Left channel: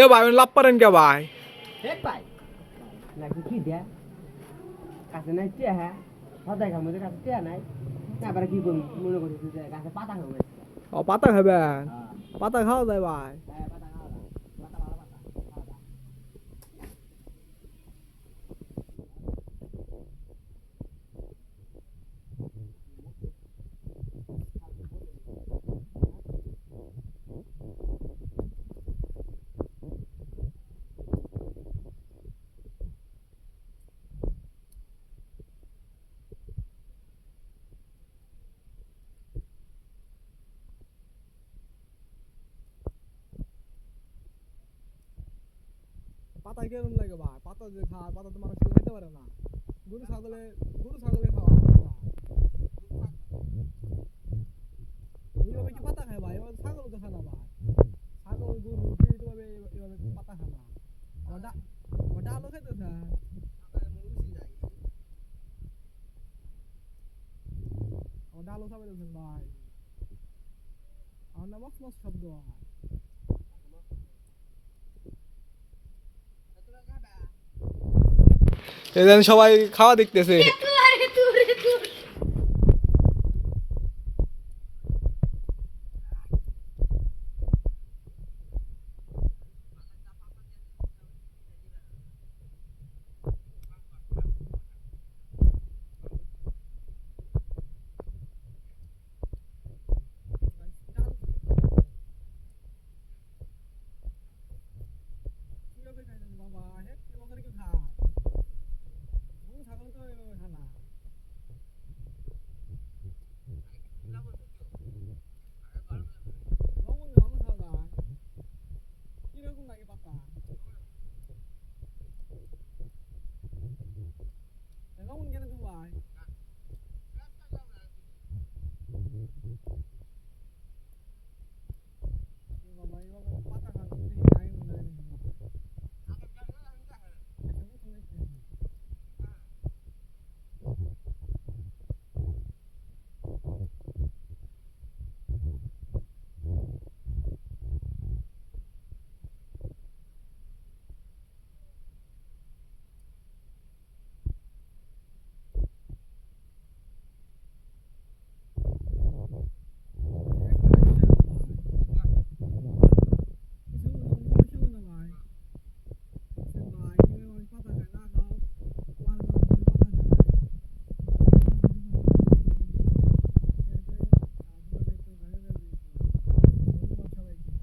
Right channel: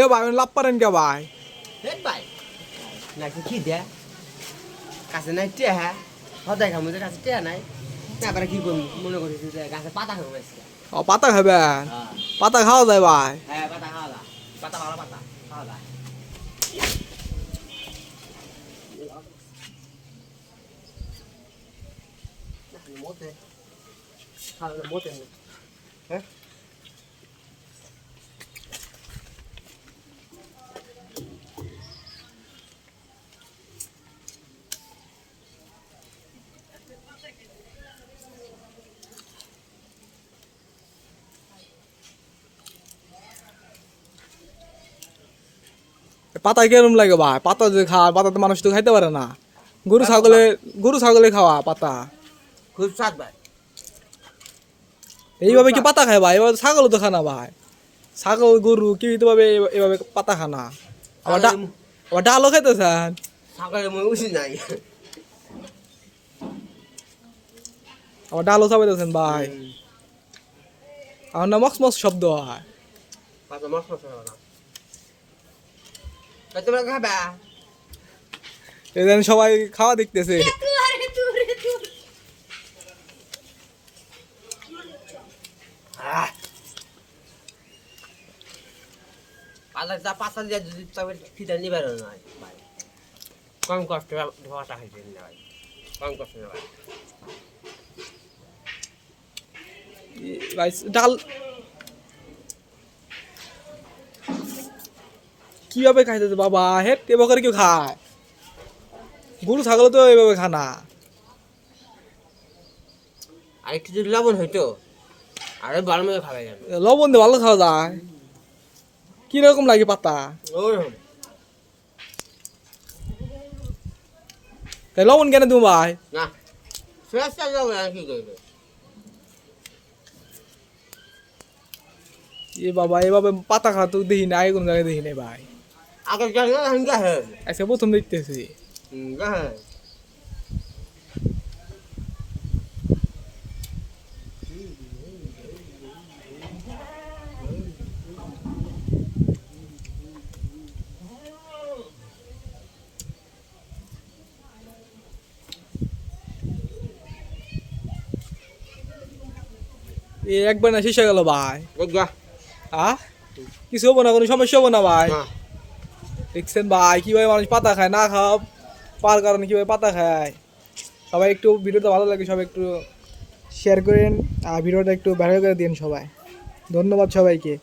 এ ভাই লাভ পারেন কে ভাই? হেট ভাই নাকি কি দে কাছে নাই টিয়া হ্যাঁ হদাই খামু যে কাছে টিয়া নাই তারপরে কি করবো মনে করিস যে গাছে পাতা খাবো ও পাতা খাবেন? হ্যাঁ পাতা খাওয়া যায় ভাই? হ্যাঁ পাতা খাওয়া যায় পাতা ভালো পাতা খাওয়া যায় মতে খাওয়া মতে হ্যাঁ পাতা কেরম লাগে ভাই? পাতা যে খায়, পাতা তো মানুষ তো খাইতে পারে না। গরু ছাগলে খাওয়া পাতা। খুব স্বাদ ভাই এইভাবে কি পাতা খায় ভাই? এবার ছাগলও তো খানা ভাই। ছাগল গরু কি ভাবে এভাবে পাতা খানা? আবার ডালও খাইতেছেন? সকালে মনে উচিত নাই আবার ডালও চাপাইতেছেন ভাই। আমার না মক্স মক্স শব্দ হয়। পাতা মস্ত মস্ত না তোমরা খাবা এদিন সবাই খাওয়া দেখতেছে। পাতা যা পাতা দিয়ে যদি তবে খিদে নিবার নয় ভাই কম কষ্টে ধোয়াটা খাইতে ভাই কম কষ্টে ভাই ভাই ডাল কিভাবে খাইতেছে বাবা? হেট এবার করে কেউ খায়? গরু ছাগল তো এভাবে খানা। আর একটু যদি লবণ হইতো আরে ভালো মতো খাওয়া যাবে লবণ দিয়ে ভালো খাওয়া যায়। কিরকম লাগে পাতা? ওরকম তাই লবণ কেন তুমি ভাই? না ফ্রেশটা যাবে আর কি করবে এ বাবা এভাবে পাতা খাওয়া তো দেখি না, কোনো জায়গায় দেখি নাই ভাই। আগে জানি না হিংগা হে আজকে প্রথম দেখতেছি। হিংগা হে একবার না শেষ হয়ে গেল ভাই। বুঝা কিছু হবো না, কোনো সমস্যা হবো না ভাই। না দেখছেন ভাই কিভাবে মানুষ পাতা খায়, না খাওয়া পার কারণে কিভাবে পাতা খায়। সবাই একটু ভিডিওটা ভালো লাগে সবাই একটু শেয়ার করেন আর ভিডিওটা একটু ভাইরাল করে দিন সবাই। ধন্যবাদ সবাইকে।